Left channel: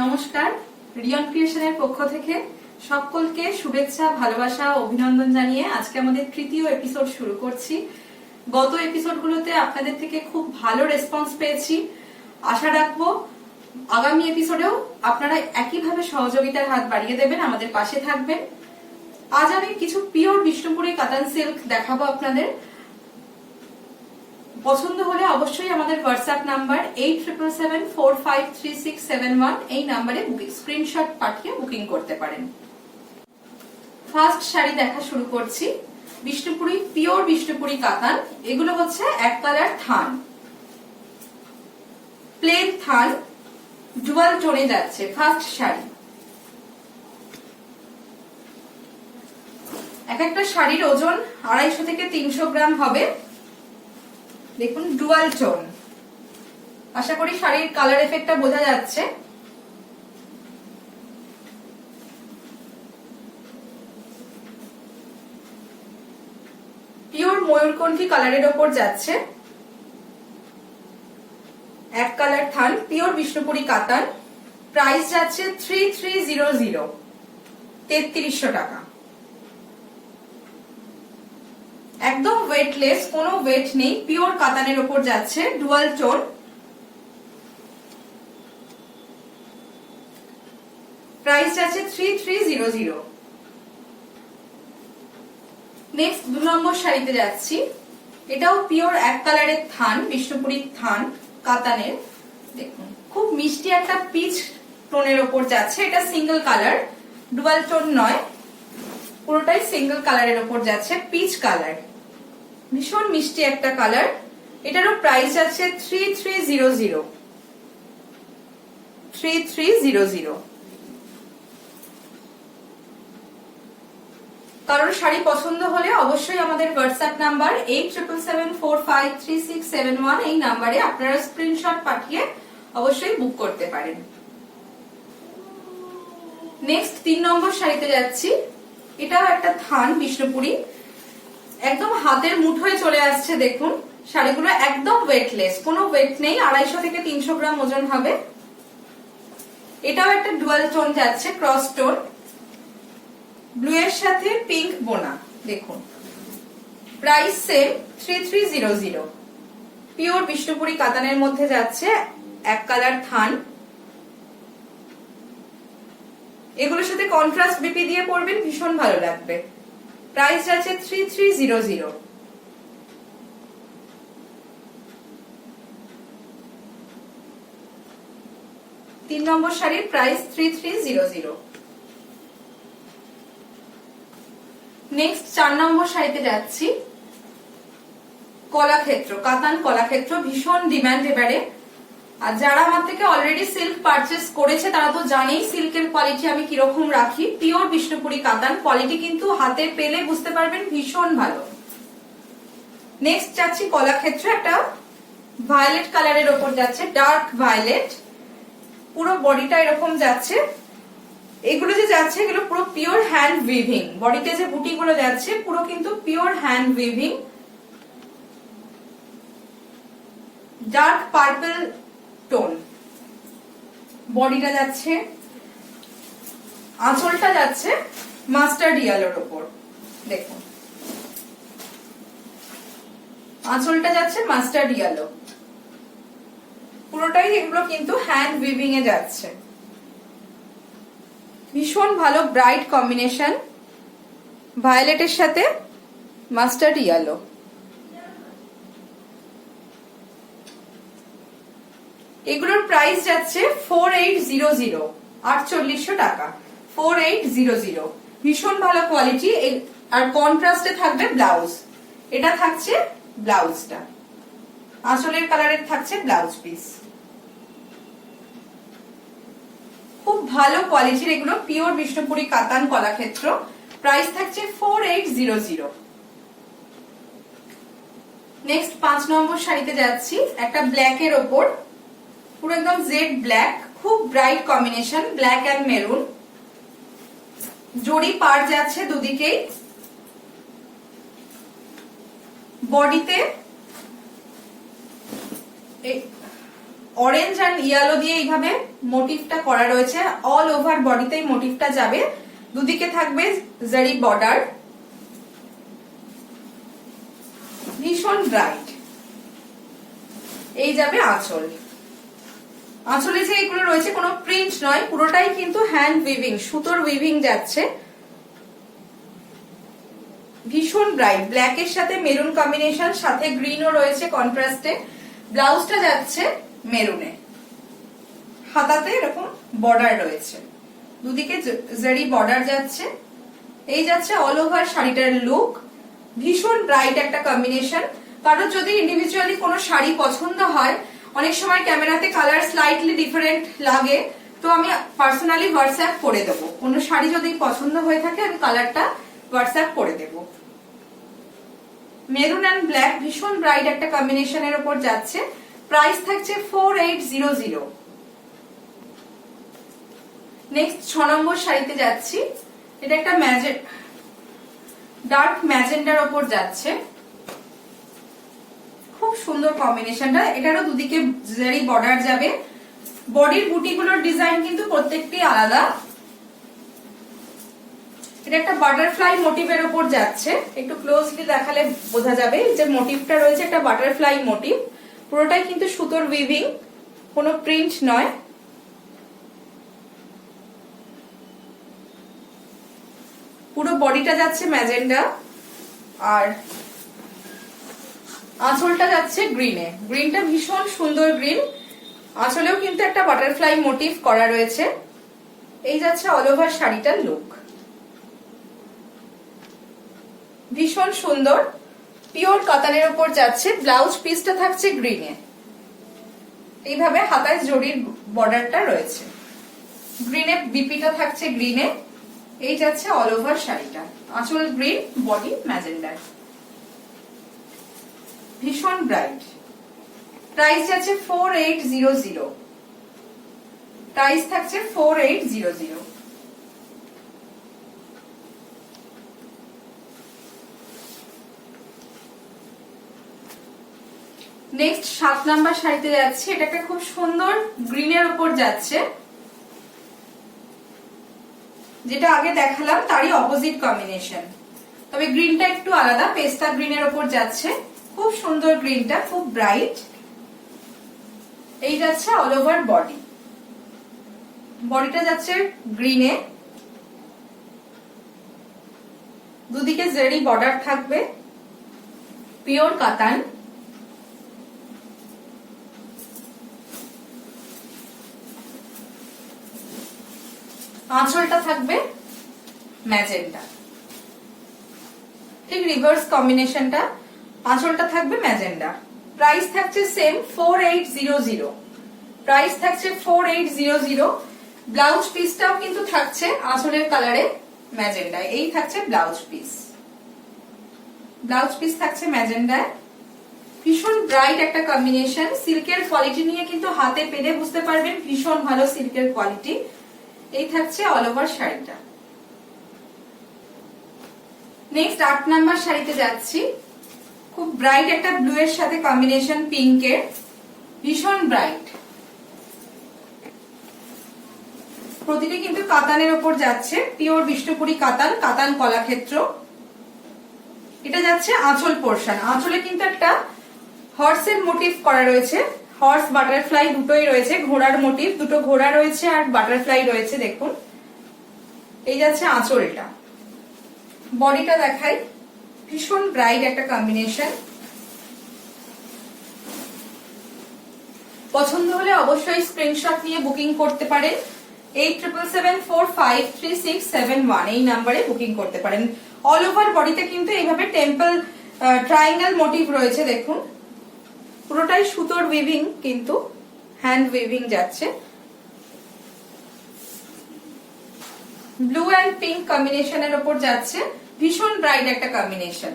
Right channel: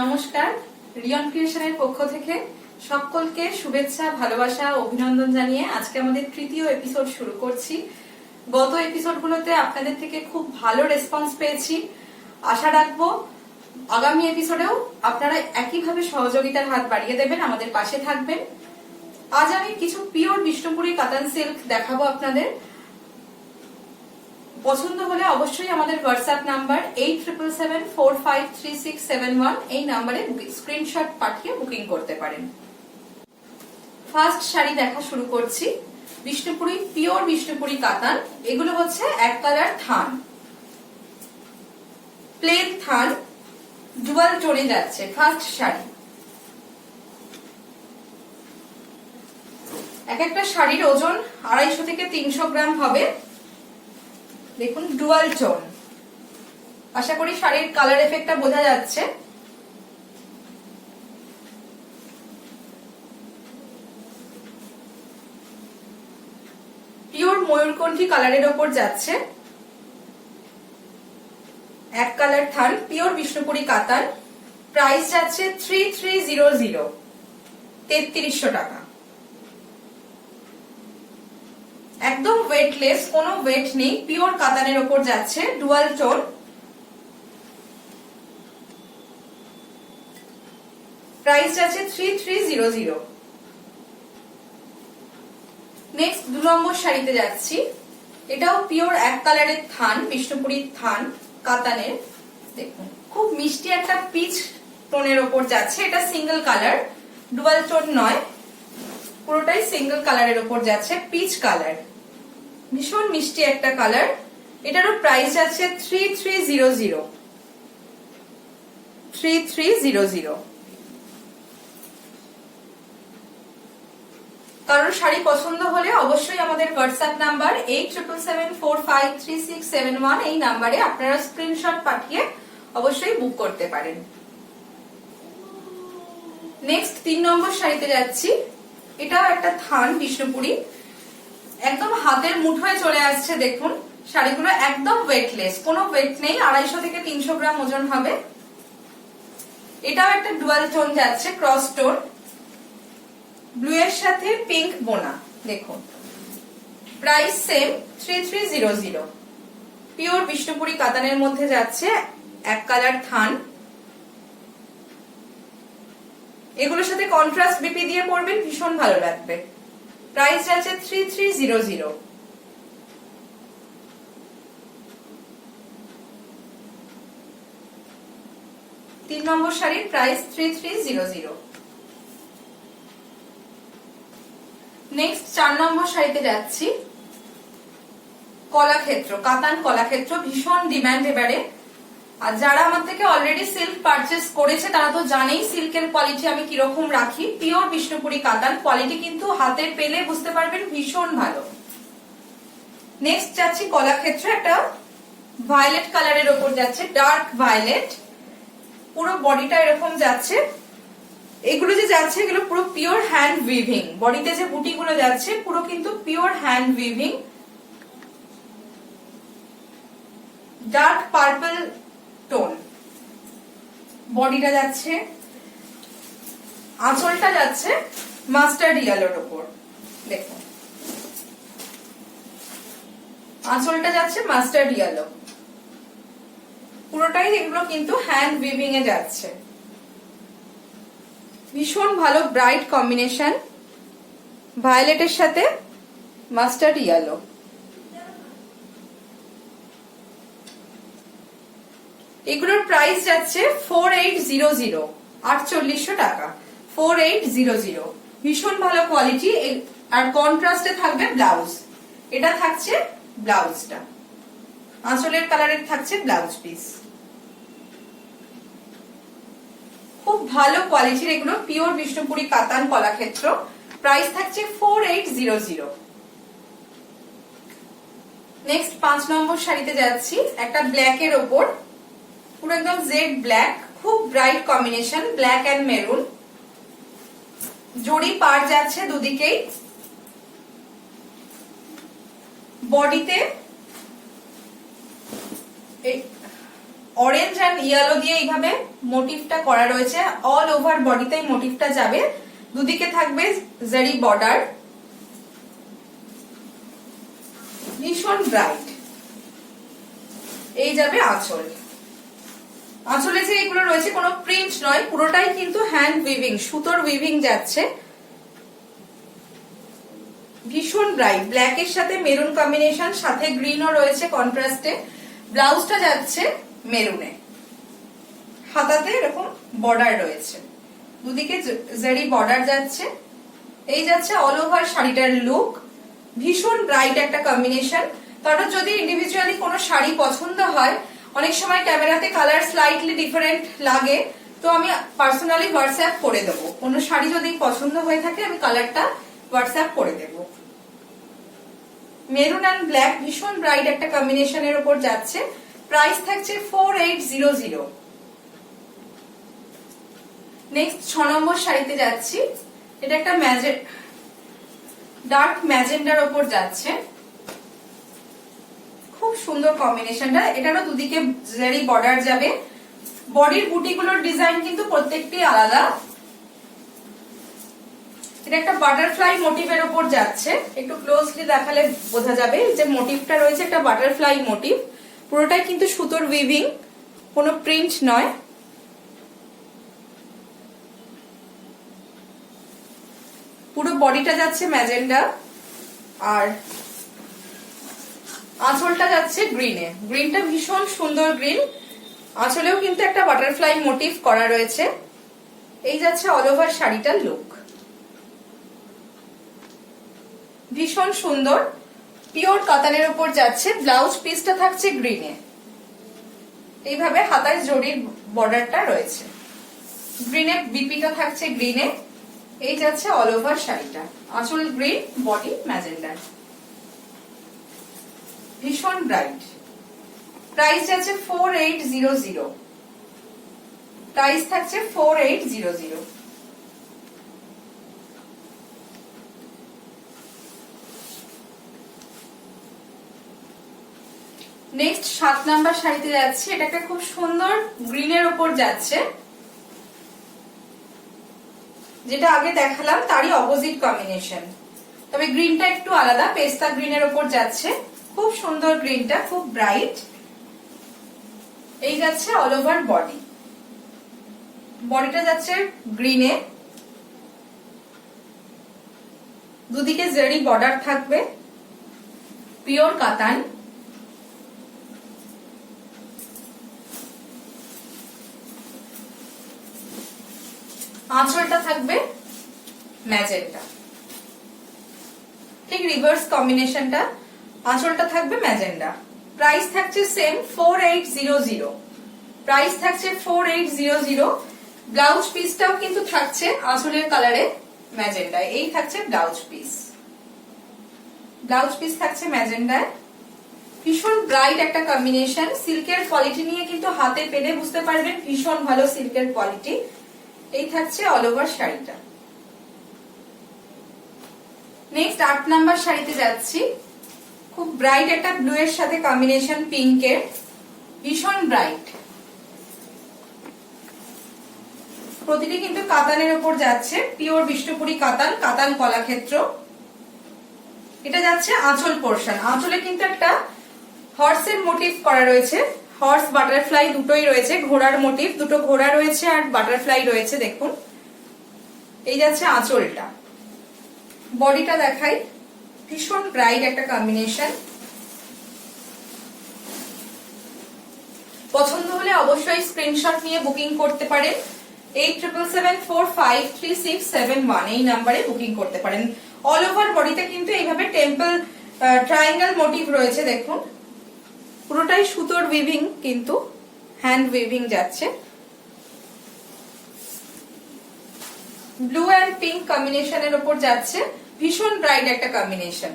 নমস্কার, রিয়ন ক্রিয়েশনের পক্ষ থেকে সকলকে শুভেচ্ছা, ভালোবাসা, অভিনন্দন জানিয়ে আজকে আমাদের তৃতীয় এপিসোড শুরু করছি। গত এপিসোডগুলোতে আপনাদের থেকে খুব ভালো রেসপন্স পেয়েছি। আশা রাখবো আগামী এপিসোডেও আপনারা একইভাবে সহযোগিতার হাত বাড়িয়ে দেবেন, আমাদের পাশে থাকবেন। আজ আমি কিছু পিওর বিষ্ণুপুরি কাতান সিল্ক দেখাবো আপনাদের। পছন্দ হলে অবশ্যই আমাদের হোয়াটসঅ্যাপ নাম্বার 8777453671 এই নাম্বারে স্ক্রিনশট পাঠিয়ে বুকিং করতে পারেন। ফার্স্ট শাড়ি দেখা শুরু করছি। বিষ্ণুপুরি, পিওর বিষ্ণুপুরি কাতান। এগুলো হচ্ছে এক কালার থান, প্লেন থান, ডুয়াল টোনে যাচ্ছে। ফার্স্ট শাড়ি। এক একটা শাড়ির ওজন 250 থেকে 300 গ্রাম হবে। দেখুন, ডুয়াল টোন। আশা করি শাড়ির কালার এফেক্টটা বোঝা যাচ্ছে। পিওর ময়ূরকণ্ঠী কালারের ওপর যাচ্ছে। এক কালার থান, পিওর বিষ্ণুপুরি কাতান। প্রাইস যাচ্ছে 3300, 3300 টাকা। একদম ওয়েটলেস, কোনো ওয়েট নেই, পিওর কাতানের ওপর যাচ্ছে, ডুয়াল টোন। প্রাইস যাচ্ছে 3300। নেক্সট 2 নম্বর শাড়িতে যাচ্ছি। এটাও পিওর এক কালারের থান, বিষ্ণুপুরি থান কাতানের। দেখুন, খুব মিষ্টি একটা পিচ টোনের ওপর যাচ্ছে। এটা সিঙ্গেল কালার, ডুয়াল টোন নয়, পুরোটাই সিঙ্গেল কালারের ওপর যাচ্ছে, পিচ কালার। ভীষণ মিষ্টি একটা কালার। এটারও প্রাইস আছে 3300, 3300। কারোর শাড়ি পছন্দ হলে অবশ্যই আমাদের হোয়াটসঅ্যাপ নাম্বার 8777453671 এই নাম্বারে আপনারা স্ক্রিনশট পাঠিয়ে অবশ্যই বুক করতে পারেন। নেক্সট 3 নম্বর শাড়িতে যাচ্ছি। এটাও একটা থান বিষ্ণুপুরি, একদম হাতের মুঠোয় চলে আসছে। দেখুন, শাড়িগুলো একদম ওয়েটলেস, কোনো ওয়েট নেই, 250 থেকে 300 গ্রাম ওজন হবে। এটাও একটা ডুয়াল টোন যাচ্ছে, ক্রস টোন, ব্লু এর সাথে পিঙ্ক বোনা। দেখুন, প্রাইস সেম 3300। পিওর বিষ্ণুপুরি কাতানের মধ্যে যাচ্ছে, এক কালার থান। এগুলোর সাথে কন্ট্রাস্ট বিপি দিয়ে পরবেন, ভীষণ ভালো লাগবে। প্রাইস যাচ্ছে 3300। তিন নম্বর শাড়ির প্রাইস 3300। নেক্সট 4 নম্বর শাড়িতে যাচ্ছি। কলাক্ষেত্র, কাতান কলাক্ষেত্র, ভীষণ ডিমান্ড এবারে। আর যারা আমার থেকে অলরেডি সিল্ক পারচেস করেছে তারা তো জানেই সিল্কের কোয়ালিটি আমি কিরকম রাখি। পিওর বিষ্ণুপুরি কাতান, কোয়ালিটি কিন্তু হাতে পেলে বুঝতে পারবেন ভীষণ ভালো। নেক্সট যাচ্ছি কলাক্ষেত্র, একটা ভায়োলেট কালারের ওপর যাচ্ছে, ডার্ক ভায়োলেট। পুরো বডিটা এরকম যাচ্ছে। এগুলো যে যাচ্ছে এগুলো পুরো পিওর হ্যান্ড উইভিং। বডিতে যে বুটি গুলো যাচ্ছে পুরো কিন্তু pure hand weaving. Dark purple tone. বডিটা যাচ্ছে, আঁচলটা যাচ্ছে মাস্টার্ড ইয়েলোর ওপর। দেখুন, আঁচলটা যাচ্ছে মাস্টার্ড ইয়েলো। পুরোটাই এগুলো কিন্তু হ্যান্ড উইভিং এ যাচ্ছে। ভীষণ ভালো ব্রাইট কম্বিনেশন, ভায়োলেটের সাথে মাস্টার্ড ইয়েলো। এগুলোর প্রাইস যাচ্ছে 4800, 4800 টাকা। 4800, ভীষণ ভালো কোয়ালিটি। আর কন্ট্রাস্টে থাকবে ব্লাউজ। এটা থাকছে ব্লাউজটা, আঁচলের কালারের থাকছে ব্লাউজ পিস। খুব ভালো কোয়ালিটির এগুলো, পিওর বিষ্ণুপুরি কাতান কলাক্ষেত্র। প্রাইস থাকছে 4800। নেক্সট 5 নম্বর শাড়িতে যাচ্ছি। একটা ব্ল্যাক এর ওপর, পুরো একদম জেড ব্ল্যাক, খুব bright combination, black and maroon. জড়ি পার যাচ্ছে দুদিকেই। বডিতে অরেঞ্জ অ্যান্ড ইয়েলো দিয়ে এইভাবে মোটিভটা করা রয়েছে, অল ওভার বডিতে এই মোটিভটা যাবে। দুদিকে থাকবে জারি বর্ডার, ভীষণ ব্রাইট। এই যাবে আঁচল। আঁচলে যে এগুলো রয়েছে কোনো প্রিন্ট নয়, পুরোটাই কিন্তু হ্যান্ড উইভিং, সুতোর উইভিং যাচ্ছে। ভীষণ ব্রাইট, ব্ল্যাকের সাথে মেরুন কম্বিনেশন, সাথে গ্রিনও রয়েছে কন্ট্রাস্টে। ব্লাউজটা যাচ্ছে মেরুনে, হাতাতে এরকম বর্ডার রয়েছে, দুদিকে জারি বর্ডার যাচ্ছে। এই যাচ্ছে অল ওভার শাড়িটার লুক। ভীষণ ব্রাইট একটা কম্বিনেশন। কারণ যদি ইন্ডিভিজুয়ালি কোনো শাড়ি পছন্দ হয়, অনেক সময় ক্যামেরাতে কালার স্লাইটলি ডিফারেন্ট লাগে, তো আমি পার্সোনালি হোয়াটসঅ্যাপ করে দেবো। কোনো শাড়ি যদি পছন্দ হয়ে থাকে আমি কালারটা হোয়াটসঅ্যাপ করে দেবো। মেরুন অ্যান্ড ব্ল্যাক ভীষণ ব্রাইট একটা কম্বিনেশনের উপর যাচ্ছে। প্রাইস থাকছে 4800। নেক্সট 6 নম্বর শাড়িতে যাচ্ছি। এটা একটা ডার্ক ম্যাজেন্ডার উপর যাচ্ছে, খুব সুন্দর কম্বিনেশনটা। এটারও দুদিকে জারি বর্ডার যাবে। বডির বুটিগুলোর ডিজাইন কিন্তু প্রত্যেকটি আলাদা। এটা একটা বাটারফ্লাই মোটিভের উপর যাচ্ছে, একটু ক্লোজলি দেখালে বোঝা যাবে যে মোটিভটা রয়েছে একটা বাটারফ্লাই মোটিভ। পুরোটাই কিন্তু সুতোর উইভিং, কোনো প্রিন্ট নয়। পুরো বডিটা যাচ্ছে ম্যাজেন্ডা, আর আঁচলটা যাচ্ছে গ্রিনে। গ্রিনটা ভীষণ সুন্দর গ্রিন, আঁচলেও কিন্তু একটা বাটারফ্লাই মোটিভ করা রয়েছে। এই যাচ্ছে অল ওভার শাড়িটার লুক, ভীষণ সুন্দর পিওর কাতানের উপর যাচ্ছে। ব্লাউজ পিসটা থাকছে গ্রিনে, এইভাবে হাতায় জরির বর্ডারটা রয়েছে। গ্রিনে বিপিটা থাকছে গ্রিনে। এই যাচ্ছে অল ওভার শাড়িটা, আঁচল গ্রিন, বডি ম্যাজেন্ডার, ভীষণ ব্রাইট। প্রাইস যাচ্ছে 4800। প্রাইস থাকছে 4800। নেক্সট 7 নাম্বার শাড়িতে যাচ্ছি। এটা একটা খুব সুন্দর গ্রিনের উপর যাচ্ছে, যেটা আগে দেখালাম তারই অপোজিট কম্বিনেশন, তবে গ্রিনটা একটু আলাদা। পেস্তা গ্রিনের উপর যাচ্ছে, খুব সুন্দর গ্রিনটা, খুব ব্রাইট। এই যাচ্ছে অল ওভার বডি, বডিটা যাচ্ছে গ্রিনে, দুদিকে জারি বর্ডার থাকবে, পিওর কাতান। আঁচলটা থাকবে ম্যাজেন্ডা, ঠিক রিভার্স কম্বিনেশনটা। আঁচলটা থাকবে ম্যাজেন্ডা। প্রাইস থাকছে সেম 4800। প্রাইস থাকছে 4800। ব্লাউজ পিসটাও কিন্তু থাকছে আঁচলের কালারে ম্যাজেন্ডা। এই থাকছে ব্লাউজ পিস, ব্লাউজ পিস থাকছে ম্যাজেন্ডায়। ভীষণ ব্রাইট একটা কম্বিনেশন। সিল্কের কোয়ালিটি নিয়ে কিন্তু হাতে পেলে বুঝতে পারবেন ভীষণ ভালো সিল্কের কোয়ালিটি। এই থাকছে অল ওভার শাড়িটা। নেক্সট 8 নাম্বার শাড়িতে যাচ্ছি। খুব ব্রাইট একটা ব্লু এর সাথে কম্বিনেশন পিঙ্কের, ভীষণ ব্রাইট। প্রতিটি কিন্তু কাতানের উপর যাচ্ছে, পিওর বিষ্ণুপুরি কাতান, কাতান কলাক্ষেত্র। এটা যাচ্ছে আঁচল পোর্শন। আঁচলে কিন্তু একটা হর্সের মোটিভ করা রয়েছে, হর্স বাটারফ্লাই দুটোই রয়েছে, ঘোড়ার মোটিভ, দুটো ঘোড়া রয়েছে আর বাটারফ্লাই রয়েছে। দেখুন, এই যাচ্ছে আঁচলটা। বডিটা দেখাই, ভীষণ ব্রাইট একটা কম্বিনেশন। পছন্দ হলে অবশ্যই স্ক্রিনশট নিয়ে বুকিং করতে পারেন। 8777453671 এই নাম্বারে বুকিং করতে পারেন। অল ওভার বডিতে কিন্তু এইভাবে টেম্পল ট্রায়াঙ্গেল মোটিভ রয়েছে। দেখুন, পুরোটাই সুতোর উইভিং, কিন্তু হ্যান্ড উইভিং যাচ্ছে। ব্লু অ্যান্ড পিঙ্ক কম্বিনেশনের উপর যাচ্ছে, ভীষণ ব্রাইট একটা কম্বিনেশন।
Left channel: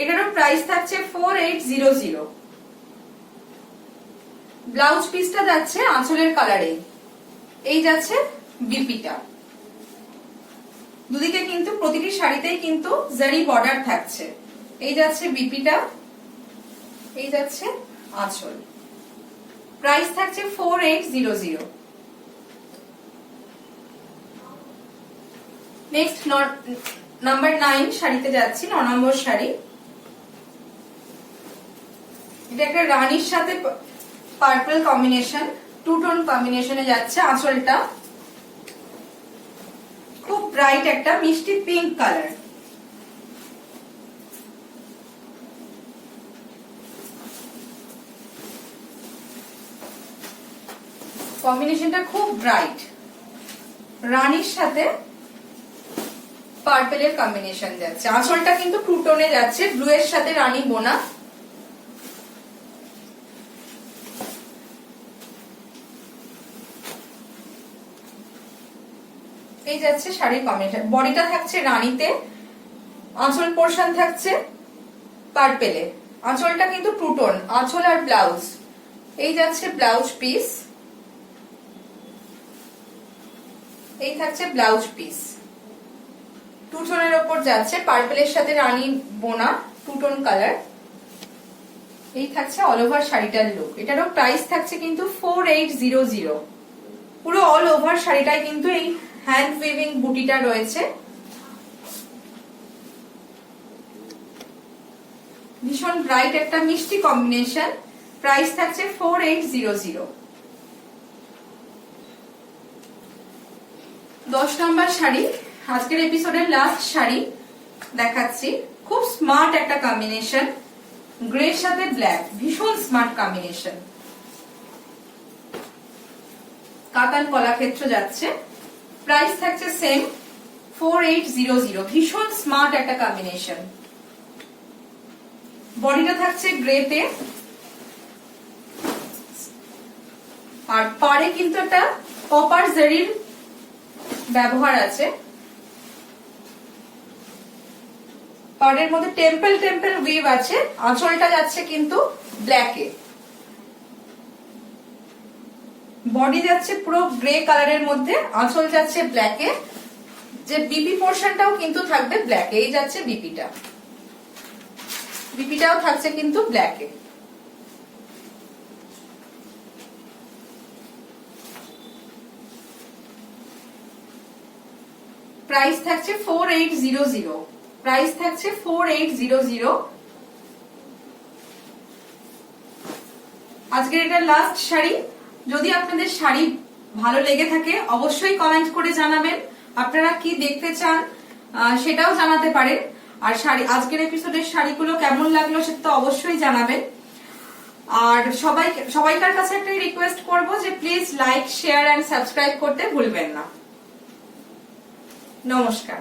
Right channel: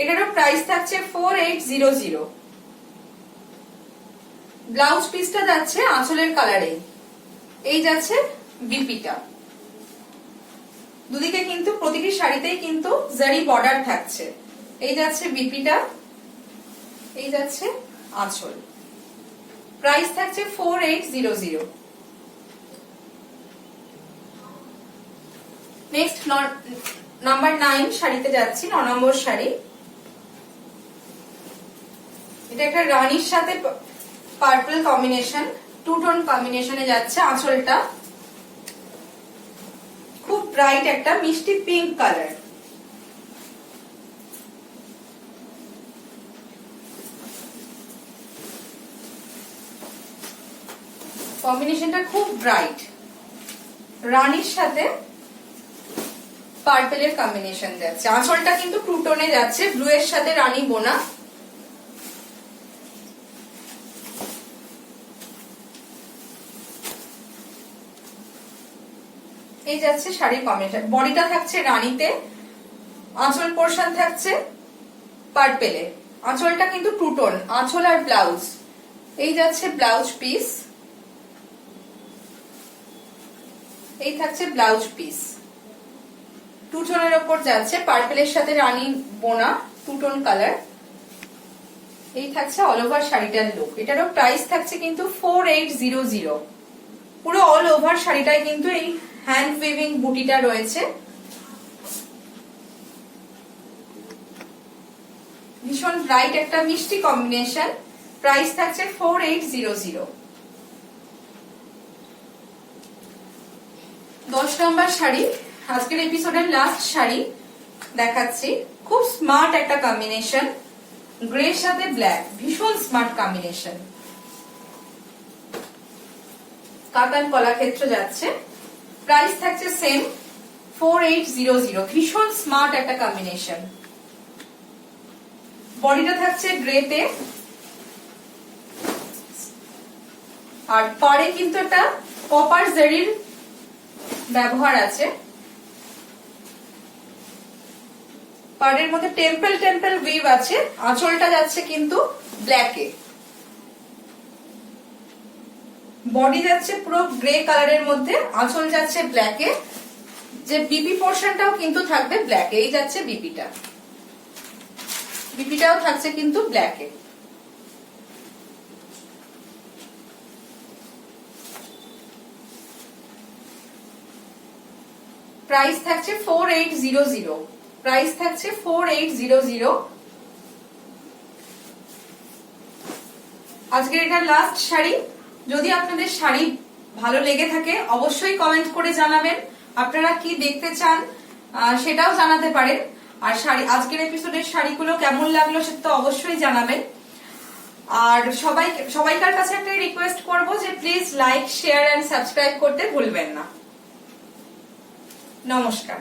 এটারও প্রাইস থাকছে 4800। ব্লাউজ পিসটা যাচ্ছে আঁচলের কালারে। এই যাচ্ছে বিপিটা। দুদিকে কিন্তু প্রতিটি শাড়িতেই কিন্তু জারি বর্ডার থাকছে। এই যাচ্ছে বিপিটা, এই যাচ্ছে আঁচল। প্রাইস থাকছে 4800। নেক্সট নাম্বার 9 শাড়িতে যাচ্ছি, 9 নম্বর শাড়ি। এটা একটা রানীর সাথে পার্পল কম্বিনেশন, টু টোন কম্বিনেশনে যাচ্ছে। আঁচলটা খুব ব্রাইট একটা মিষ্টি পিঙ্ক কালার। কম্বিনেশনটা খুব ব্রাইট, রানীর সাথে পার্পেলের কম্বিনেশন যাচ্ছে। আঁচলটা কিন্তু টু টোনে যাচ্ছে, ব্লু এর সাথে রানী বোনা। এই যাচ্ছে শাড়ির কম্বিনেশন। বডিটা থাকছে রানীতে, আঁচল পোর্শন থাকছে পার্পেলে। আঁচলটা কিন্তু টু টোন, আঁচল আর ব্লাউজ। এই যাচ্ছে ব্লাউজ পিস, এই থাকছে ব্লাউজ পিস। টু টোনের ওপর যাচ্ছে, পার্পেলের সাথে রানী বোনা, টু টোন কালার। এই থাকছে অল ওভার শাড়িটার লুক। এটারও প্রাইস থাকছে কিন্তু 4800। পুরো অল ওভার শাড়িটায় কিন্তু এই হ্যান্ড উইভিং বুটিটা রয়েছে। ভীষণ ব্রাইট একটা মিষ্টি কম্বিনেশন। প্রাইস থাকছে 4800। 10 নম্বর শাড়ি, আজকের এপিসোডের লাস্ট শাড়ি দেখাচ্ছি। খুব স্মার্ট একটা কম্বিনেশন, গ্রে সাথে ব্ল্যাক, ভীষণ স্মার্ট কম্বিনেশন। কাতান কলাক্ষেত্র যাচ্ছে। প্রাইস থাকছে সেম 4800। ভীষণ স্মার্ট একটা কম্বিনেশন। বডিটা থাকছে গ্রেতে, আর পাড়ে কিন্তু একটা কপার জারির ব্যবহার আছে। পাড়ের মধ্যে টেম্পল টেম্পল উইভ আছে। আঁচলটা যাচ্ছে কিন্তু ব্ল্যাকে, বডি যাচ্ছে পুরো গ্রে কালারের মধ্যে, আঁচল যাচ্ছে ব্ল্যাকে। যে বিপি পোর্শনটাও কিন্তু থাকবে ব্ল্যাকে। এই যাচ্ছে বিপিটা, বিপিটাও থাকছে কিন্তু ব্ল্যাকে। প্রাইস থাকছে 4800। প্রাইস থাকছে 4800। আজকের এটা লাস্ট শাড়ি। যদি আপনাদের শাড়ি ভালো লেগে থাকে অবশ্যই কমেন্ট করে জানাবেন। আপনারা কি দেখতে চান সেটাও জানাতে পারেন। আর শাড়ি, আজকের এপিসোডের শাড়িগুলো কেমন লাগলো সেটা তো অবশ্যই জানাবেন। আর সবাইকার কাছে একটা রিকোয়েস্ট করব যে please like, share and subscribe করতে ভুলবেন না। নমস্কার।